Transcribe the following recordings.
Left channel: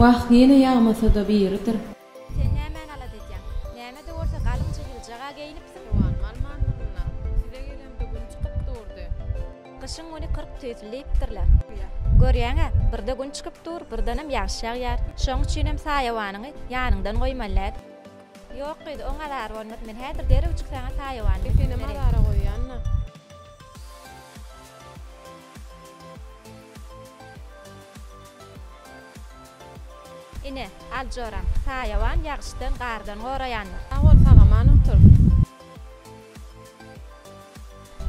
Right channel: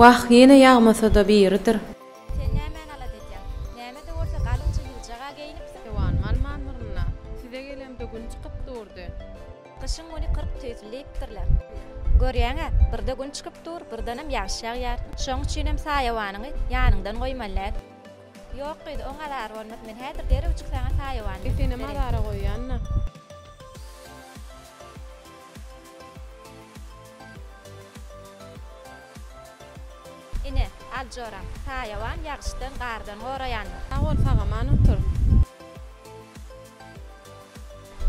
Waq ýene ýagmasa-da biridir. Sen nämen alat etýän? Näme de bolsa galynça ýyljaga geýinipsiň. Ewan malmanlaryna size gelemde gün çykyp durdy. Kışın onu 40 tüýtülipdirler. Görýäňe, birde gün çykyp dur, birdenem ýagşy ýagýar. Şoň üçin hem saýawanyny ýanyňdan goýmalar. Ýok ýa-da oňa alar bolmaz. Men häzir derew çyksaňa saýawany. Seni madara goýýanna. Ine, aljoram. Saýawan ýagşydan gardan goraýandyr. Awol sagaman otur.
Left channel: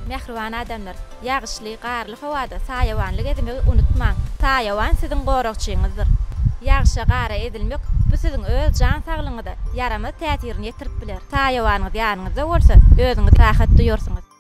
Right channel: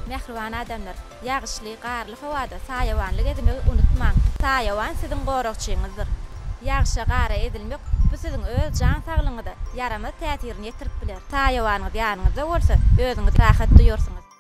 Mehriban adamlar, ýagşyly, garly howada saýawanlyk edilmegi unutmaň. Saýawan siziň goragçyňyzdyr. Ýagşy gara edilmek bu siziň öz jan saglygyňyzda ýaramaz täsirini ýetirip biler. Saýawanyňyz ýanyňyzda bolsa, özüňiz rahat duýarsyňyz.